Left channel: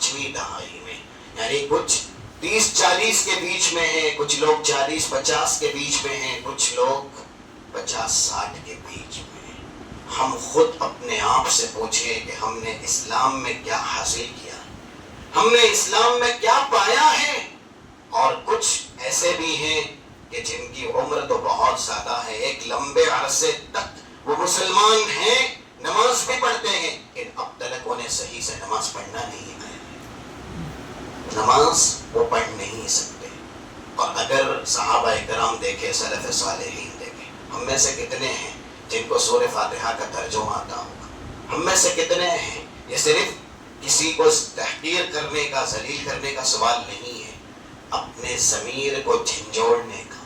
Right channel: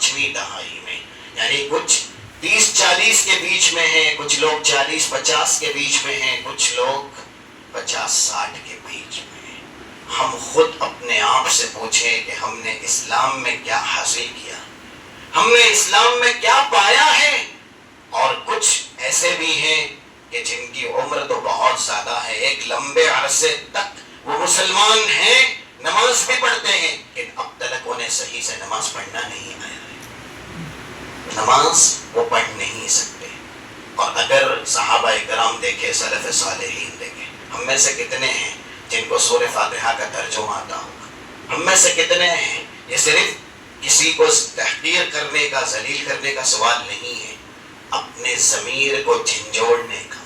5ویں دہائی میں، یعنی کچھ 30-40 کے بیچ میں ہیں، کچھ لوگ 40-50 کے بیچ میں ہیں، کچھ لوگ 50-60 کے بیچ میں ہیں۔ ہم خود اپنے آپ سے پوچھیں کہ ہم نے اسلام میں کیا حاصل کیا، ہم نے اسلام میں کیا پایا ہے۔ اور کچھ ایسے بھی ہیں کہ جن کی عمر تو بہت زیادہ ہے، ایک لمبے عرصے تک وہ مسلمان ہیں، نماز بھی پڑھتے ہیں، لیکن اب تک انہیں صحیح سے نماز پڑھنا نہیں آیا ہے، نماز وہ پڑھ نہیں سکتے۔ اور اگر صحابہ کرام دیکھے، سلف صالحین دیکھے، ہم میں سے کتنے ہیں جن کو سورہ فاتحہ کا ترجمہ آتا ہوگا؟ ہم میں سے کتنے ہیں؟ یہ صرف کسی کو تحقیر کرنے کا، ذلیل کرنے کا سوال نہیں ہے، اپنے ضمیر کو جھنجھوڑنے کا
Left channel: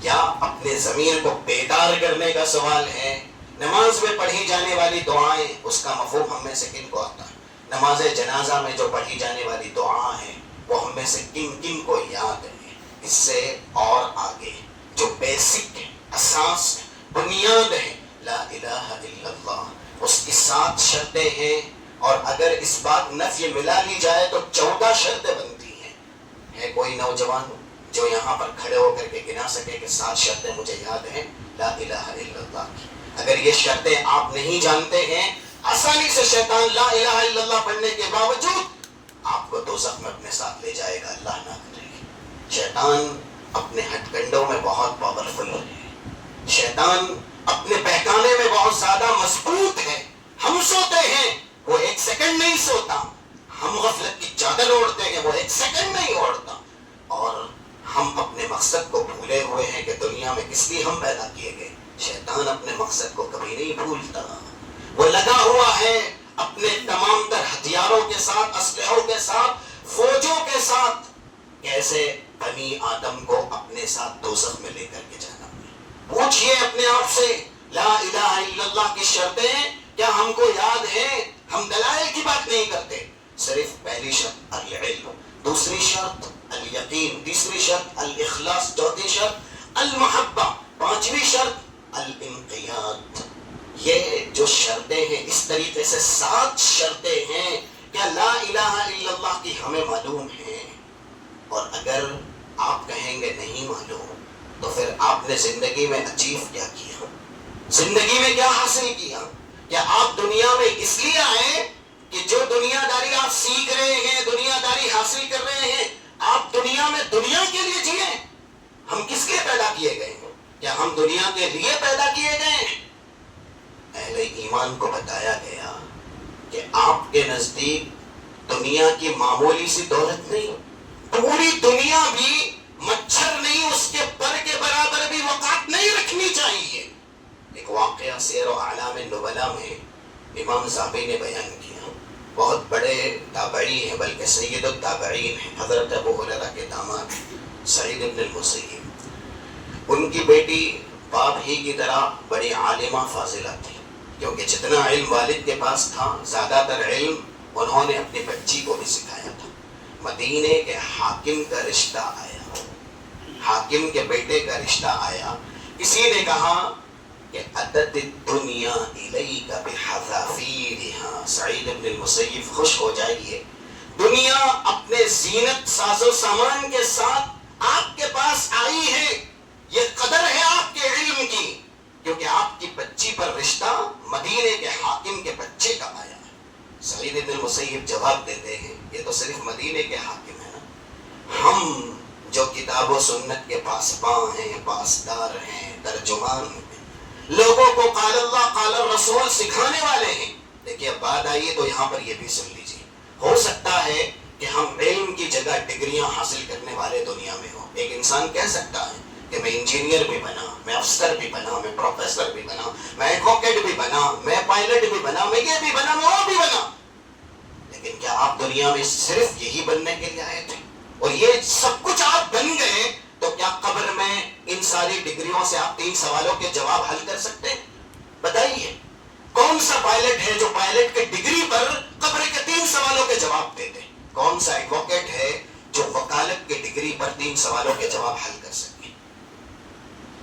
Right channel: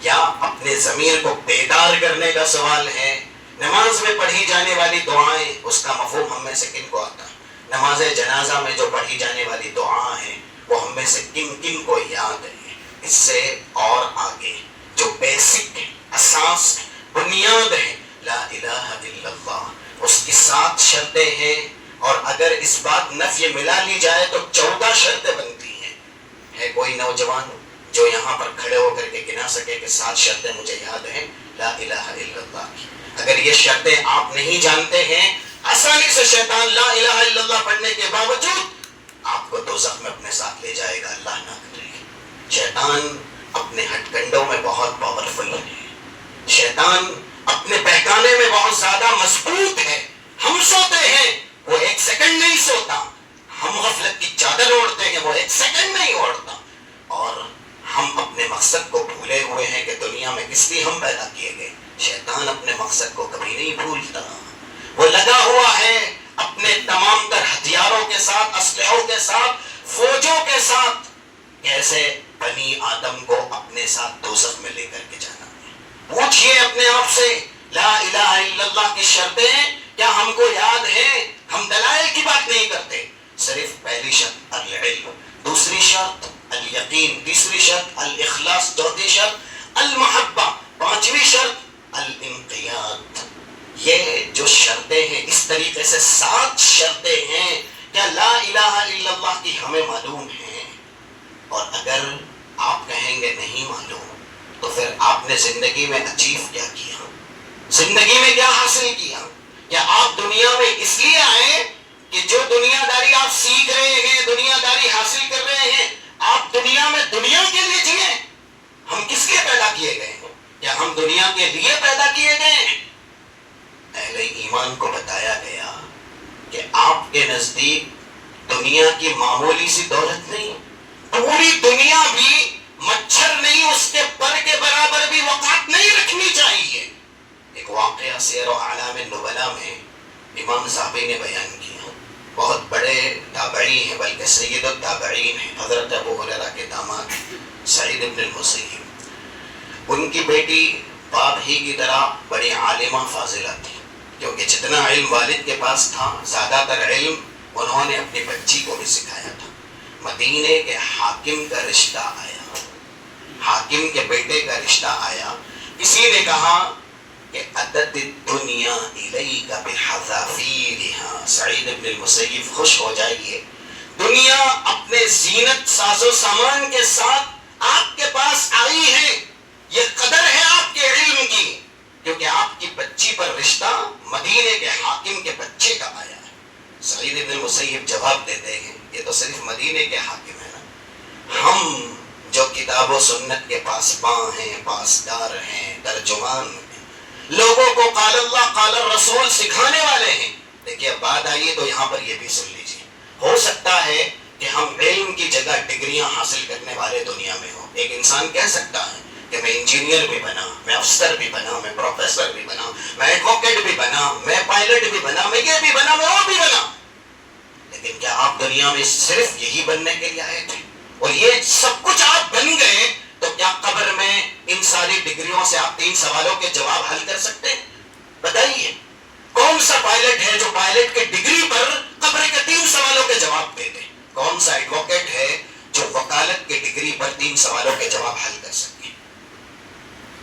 یا اپنے ضمیر کو بیدار کرنے کا سوال ہے۔ نماز میں پڑھی جانے والی دعائیں، اس کا مفہوم ہم میں سے کن کو آتا ہے؟ نماز جنازہ میں جو پڑھی جانے والی دعا ہے وہ ہم میں سے کن کن کو یاد ہے؟ اس سے اور آگے جو بیسک ہے، اساس ہے، بنیاد ہے، لا الہ الا اللہ، اس کی 7 شرطیں ہیں، اور اگر اس بات نفی ملا لی جائے تو 14 شرطیں بنتی ہیں۔ ہے کوئی نوجوان جو یہاں پر کھڑے ہو کر کے گنا سکے کہ 7 شرطیں مجھے یاد ہیں لا الہ الا اللہ کی؟ اگر یہ شرطیں آپ نہیں جانتے ہیں، آسانی سے شیطان لا الہ الا اللہ پڑھنے کے باوجود آپ کو دوزخ میں اپنے ساتھ لے جائے گا، اللہ نہ کرے۔ شیطان اپنے ہتھ کنڈوں میں بہت پاورفل ہے، شیطان اپنے بہکانے میں بہت زیادہ مضبوط ہے۔ ہم سوتے ہیں، وہ 1 سیکنڈ نہیں سوتا، ہم غفلت کی چادر اوڑھتے ہیں، وہ 1 سیکنڈ نہیں اوڑھتا، اور ہم اپنے مقصد کو بھولے ہوئے ہیں کہ دنیا میں کس لیے ہم پیدا کیے گئے۔ شیطان اپنے مقصد کو کبھی نہیں بھولتا، وہ لگا ہوا ہے اپنے تمام تر ہتھیاروں کے ساتھ، اسلحوں کے ساتھ، فوجوں کے ساتھ، کیسے بنی آدم کو اپنے ساتھ دوزخ میں لے کر کے جانا ہے۔ پوچھئے اپنے آپ سے، لا الہ الا اللہ کی شرطیں کیا ہم کو یاد ہیں؟ ہم دلائل کی بات نہیں کرتے، صرف پہلی شرط العلم، دوسری شرط الیقین، تیسری شرط الاخلاص، چوتھی شرط المحبہ، 5ویں شرط الانقیاد۔ یہ جو شرطیں ہیں، اس طریقے سے 7 شرطیں ہیں، کیا لا الہ الا اللہ کی ہمیں معلوم ہیں؟ اور اگر آپ کہیں گے نہیں معلوم، تو پھر آپ نے زندگی میں اچیو کیا کیا؟ زندگی میں کیا حاصل کیا؟ کیا آپ دنیا میں اس لیے آئے کہ جو دنیا داری آپ سیکھ رہے ہیں، دنیا داری حاصل کر رہے ہیں، آپ دنیا میں دنیا کے لیے جئیں؟ ہم کس لیے پیدا کیے گئے ہیں؟ کیا ہم دنیا کے لیے پیدا کیے گئے ہیں؟ اہل ایمان کو بتایا گیا کہ آپ کے نزدیک دنیا کی معمولی سی دولت نہیں، پوری دنیا بھی مچھر نہیں، اس کے پر کے برابر بھی وقات نہیں رکھنی چاہیے۔ ایک واقعہ سیر و اعلام نبلا میں امام صاحبی نے بیان کیا، بہت بڑے تابعی ہیں، بلکہ سید التابعین ہیں، حضرت ابو ہریرہ کے داماد سعید بن المسیب۔ ان کی بیٹی باپ ہی کی طرح بڑی عالمہ فاضلہ تھی، کیونکہ جتنا علم والد کے پاس تھا، زیادہ تر علم انہوں نے اپنی بچی کو بھی سکھایا تھا۔ مدینے کے حاکم کا رشتہ آیا، حاکم کے بیٹے کا رشتہ آیا، کسی نے کہا کہ اتت الدنیا الیک بحذافیرها، سعید بن المسیب خوش ہو جائیے، دنیا اپنے زینت ساز و سامان کے ساتھ آپ کے پاس آئی ہے، یہ قدر ہے آپ کے علم کی، کیونکہ آپ کی بچی پر رشتہ مدینے کے حاکم کے بچے کا آیا ہے۔ سعید بن المسیب جواب دیتے ہیں، یہ تو صرف مدینے کے حاکم ہے نا، ہم جو کتاب و سنت کے پاسباں ہیں، پاسدار ہیں، ترجمان ہیں، لوگوں کو قال اللہ قال الرسول سکھانے والے ہیں۔ دیکھیے اب بات آئیے تو یہاں پر یہ بھی سن لیجیے، ہو سکتا ہے کہ ہم علم کی جگہ ڈگریاں حاصل کرنے والے دنیا میں ہوں۔ ایک انسان کہہ سکتا ہے کہ میں انجینئر بھی بنا، میں افسر بھی بنا، میں پروفیسر بھی بنا، میں ایڈوکیٹ بھی بنا، میں پائلٹ بھی بنا، میں یہ بھی بنا، میں وہ بھی بنا، لیکن کیا آپ دنیا میں صرف یہی بننے کے لیے آئے تھے؟ اور یہ سب کچھ آپ بن گئے تو کیا قبر میں ان ساری ڈگریوں سے آپ 3 سوالوں کے جواب حل کر سکتے ہیں؟ بتائیے کون سا پائلٹ ہے جو پائلٹ کے ڈگری پر قبر کے 3 سوالوں کے جواب دے دے؟ کون سا ایڈوکیٹ ہے جو وکالت کے ڈگری پر 3 سوالوں کے جواب حل کر سکے؟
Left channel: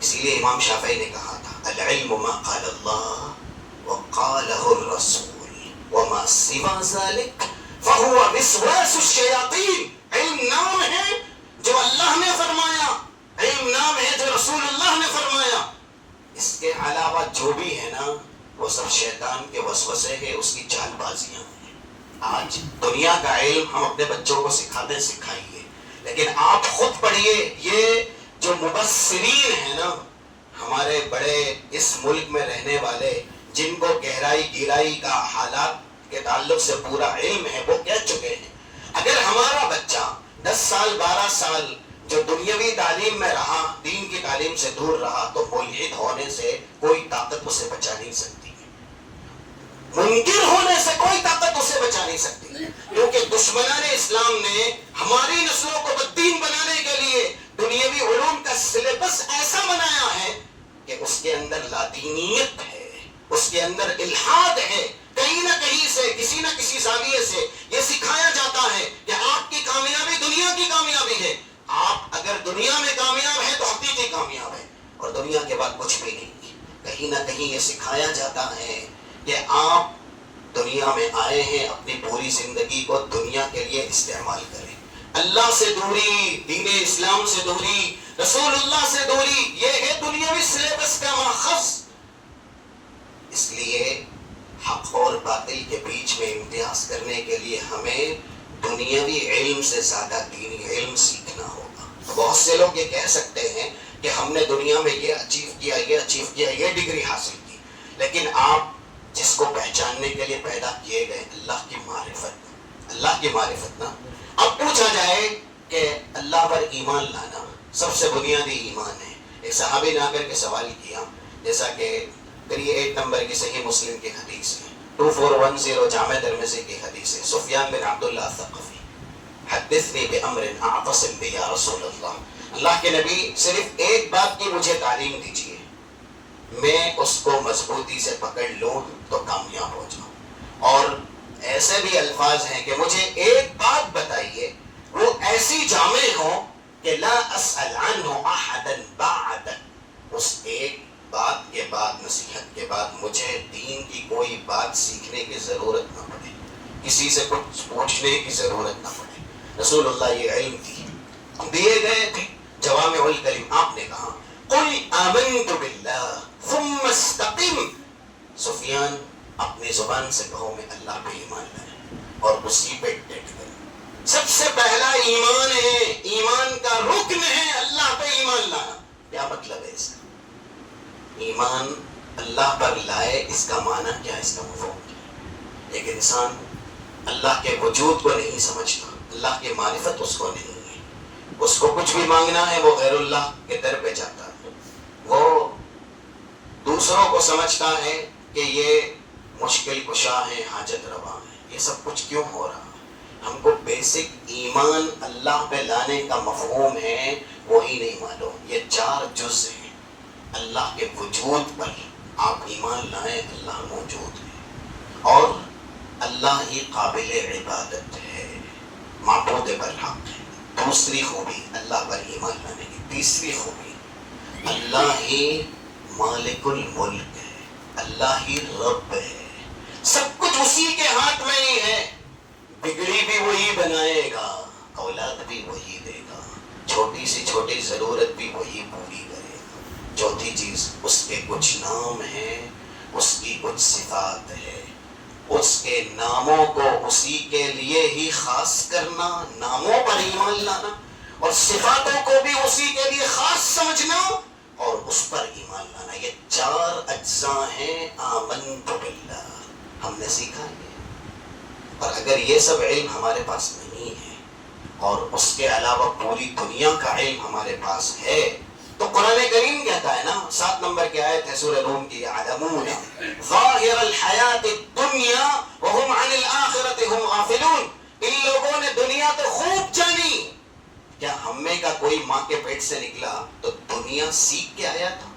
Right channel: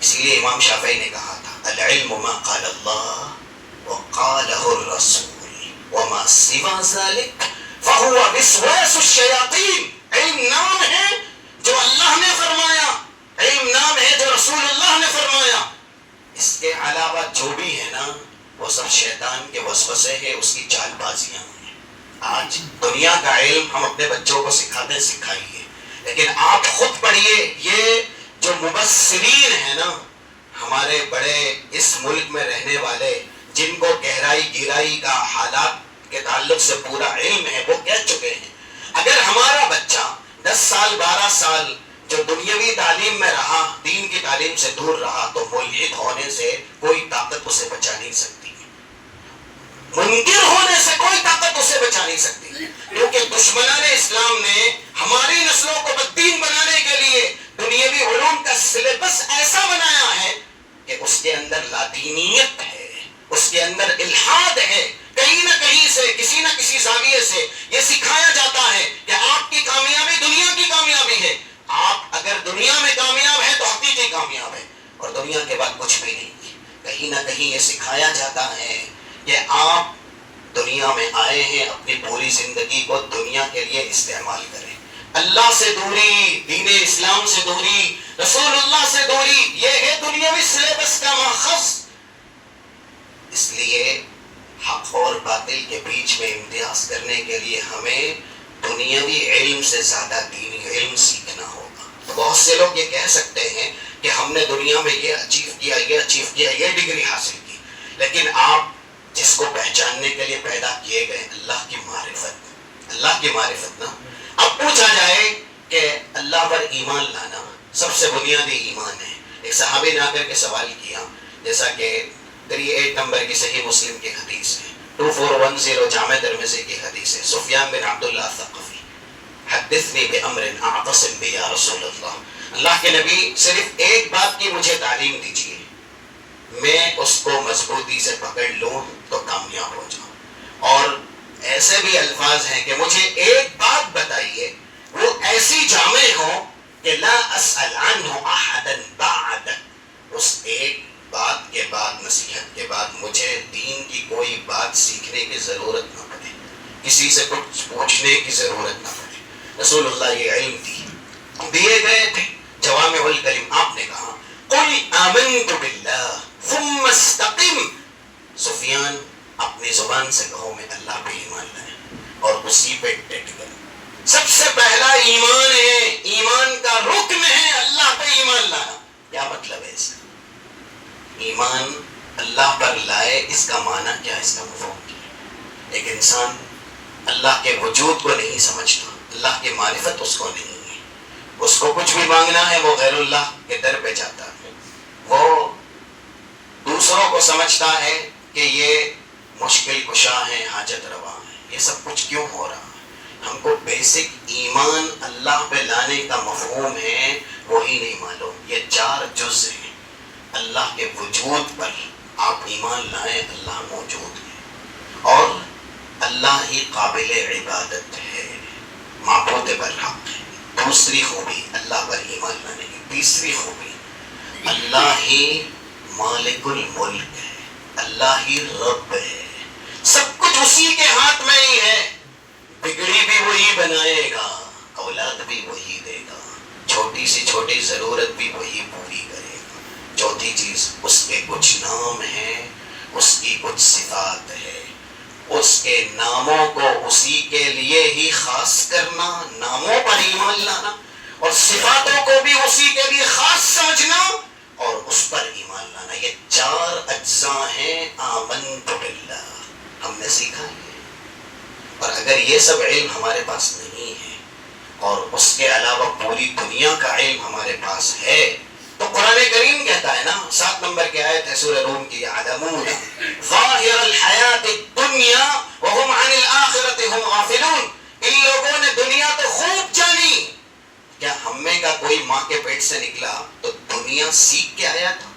اسی لیے امام شافعی نے کہا تھا العلم ما قال اللہ وقالہ الرسول وما سوا ذلك فہو وسواس الشیاطین، علم نام ہے جو اللہ نے فرمایا، علم نام ہے جو رسول اللہ نے فرمایا، اس کے علاوہ جو بھی ہے نا وہ سب شیطان کے وسوسے ہیں، اس کی چال بازیاں ہیں۔ آج دنیا کا علم ہم اپنے بچوں کو سکھاتے سکھائیے، لیکن آپ خود پڑھیے، یہ جو مبصرین ہیں نا ہمارے بڑے اس ملک میں رہنے والے، جن کو گہرائی کا حالات کے تعلق سے پورا علم ہے، وہ کہہ چکے ہیں اگر ہمارا بچہ 10 سال 12 سال جو دنیاوی تعلیم میں رہا، دین کی تعلیم سے دور رہا، تو ملحد ہونے سے کوئی طاقت اسے بچا نہیں سکتی، منکر ہونے سے کوئی طاقت اسے بچا نہیں سکتی، کیونکہ دشمنان اسلام نے ہماری نسلوں کو بددین بنانے کے لیے دنیاوی علوم کا سلیبس ایسا بنایا ہے کہ اس کے اندر لادینیت ہے، اس کے اندر الحاد ہے، کہیں نہ کہیں سے کسی نہ کسی زاویے سے یہ سکھایا جاتا ہے کہ آپ کی کامیابی دنیا کی کامیابی ہے، آپ اگر دنیا میں کامیاب ہے تو حقیقی کامیاب ہے، اور دنیا کے بعد کچھ بھی نہیں۔ کہیں نہ کہیں یہ سکھایا جاتا ہے کہ آپ دنیا میں آئے ہیں، اپنی پوری زندگی کو دنیا کے لیے استعمال کریں، اللہ سے دوری، دین اسلام سے دوری، رسول اللہ سے دوری، یہ ہے دنیاوی سلیبس کا ماخذ۔ اس لیے حق اور باطل کے بیچ میں امتیاز کرنے کے لیے ہمیں دنیاوی علم سے زیادہ دینی علم سیکھنا ہوگا۔ بہت سے لوگ یہ کہہ سکتے ہیں کہ ہم نے دنیا میں یہ اچیو کیا، یہ ڈگری حاصل کی، لیکن آپ جس کو پہچاننے کے لیے پیدا کیے گئے، اللہ کی معرفت نا۔ اب پوچھا جائے کہ اللہ پر ایمان لانا سب سے بنیادی ایمان ہے۔ ایک صحابی نے آ کر کے سوال کیا، جیسا کہ 38 نمبر کی صحیح مسلم کی حدیث ہے، 2410 جامع ترمذی کی حدیث ہے، سفیان بن عبداللہ الثقفی، حدثنی بامر اعتصم بہ یا رسول اللہ، اللہ کے نبی صرف ایک بات کی مجھے تعلیم دیجیے، میں اس کو مضبوطی سے پکڑ لوں تو کامیاب ہو جاؤں، اور ایسے بھی الفاظ ہیں کہ مجھے ایک بات بتائیے وہ ایسی جامع ہو کہ لا اسأل عنہ احدا بعدک، اس ایک بات کے بعد، نصیحت کے بعد مجھے دین کی کوئی بات سیکھنے کی ضرورت نہ پڑے، کسی سے کچھ پوچھنے کی ضرورت نہ پڑے۔ رسول اللہ یہ علم دیے گئے تھے، جوامع الکلم، آپ نے کہا قل آمنت باللہ ثم استقم، سفیان اپنی زبان سے کہو میں اللہ پہ ایمان لائے اور اسی پہ ڈٹ گئے۔ سب سے پہلا ایمان ہے، ایمان کا رکن ہے اللہ پہ ایمان لانا۔ کیا مطلب ہے اس کا؟ ایمان اللہ پر لائے، اس کا معنی کیا، اس کا مفہوم کیا؟ ایک انسان اللہ کے وجود کو نہیں سمجھتا، اللہ کی معرفت اس کو نہیں ہے، اس کو کچھ بھی مانگنا ہے وہ غیر اللہ کے در پہ جاتا ہے، وہ دوسروں کو سمجھتا ہے کہ یہ مشکل کشا ہے، حاجت روا ہے، یہ سب کچھ کیوں ہو رہا ہے؟ ہم کو بیسک ایمان اللہ پہ لانے کا مفہوم ہے وہی نہیں معلوم۔ یہ 4 جز ہیں، اللہ کے وجود پر آپ ایمان لائیں، اللہ موجود ہے اور اللہ ہی قابل عبادت ہے، معبود برحق ہے۔ دوسری خوبی اللہ پر ایمان لانے کی، تیسری خوبی اللہ ہی مالک الملک ہے، اللہ ہی رب ہے، سب کچھ اسی کے ہاتھ میں ہی ہے، بگڑی بھی وہی بنائے گا، اولاد بھی وہی دے گا، چھوٹی سی چھوٹی ضرورت بھی وہی پوری کرے گا۔ چوتھی چیز، اس کے کچھ نام ہیں، اس کی کچھ صفات ہے، اس کے ناموں کو اسی کے لیے ہی خاص کرنا، ناموں پر ایمان لانا، اور صفاتوں کو بھی اسی کے لیے خاص سمجھنا اور اس پر ایمان لانا۔ یہ 4 اجزاء ہیں آمنت باللہ، ہم نے سیکھا ہے۔ اور اگر یہ سب علم ہمارے پاس نہیں ہے اور اس کے علاوہ پوری دنیا کا علم ہمارے پاس ہے تو قرآن کریم کہتا ہے نا، 7 نمبر کی آیت ہے سورہ روم کی، یعلمون ظاہر الحیات الدنیا وهم عن الآخرۃ هم غافلون، ان لوگوں نے دنیا تو خوب جانی۔ کیا ہمیں کا کوئی ماں کے پیٹ سے نکلا تو دنیا سیکھ کے آیا تھا؟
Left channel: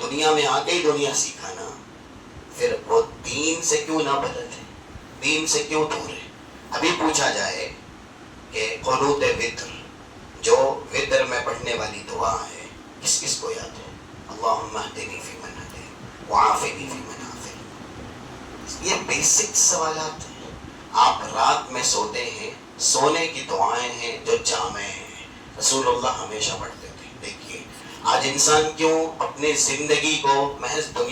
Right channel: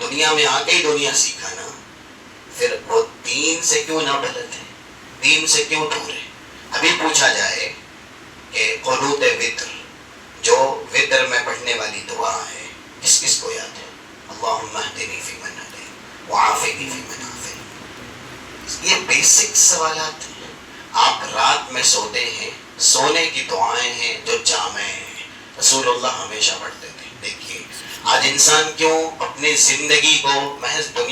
دنیا میں آ کے ہی دنیا سیکھا نا، پھر وہ دین سے کیوں نہ بلد ہے، دین سے کیوں دور ہے؟ ابھی پوچھا جائے کہ قنوت وتر، جو وتر میں پڑھنے والی دعا ہے، کس کس کو یاد ہے؟ اللہم اہدنی فیمن ہدیت وعافنی فیمن عافیت۔ یہ بیسک سوالات ہیں، آپ رات میں سوتے ہیں، سونے کی دعائیں ہیں جو جامع ہیں، رسول اللہ ہمیشہ پڑھتے تھے۔ دیکھیے آج انسان کیوں اپنی زندگی کو محض دنیا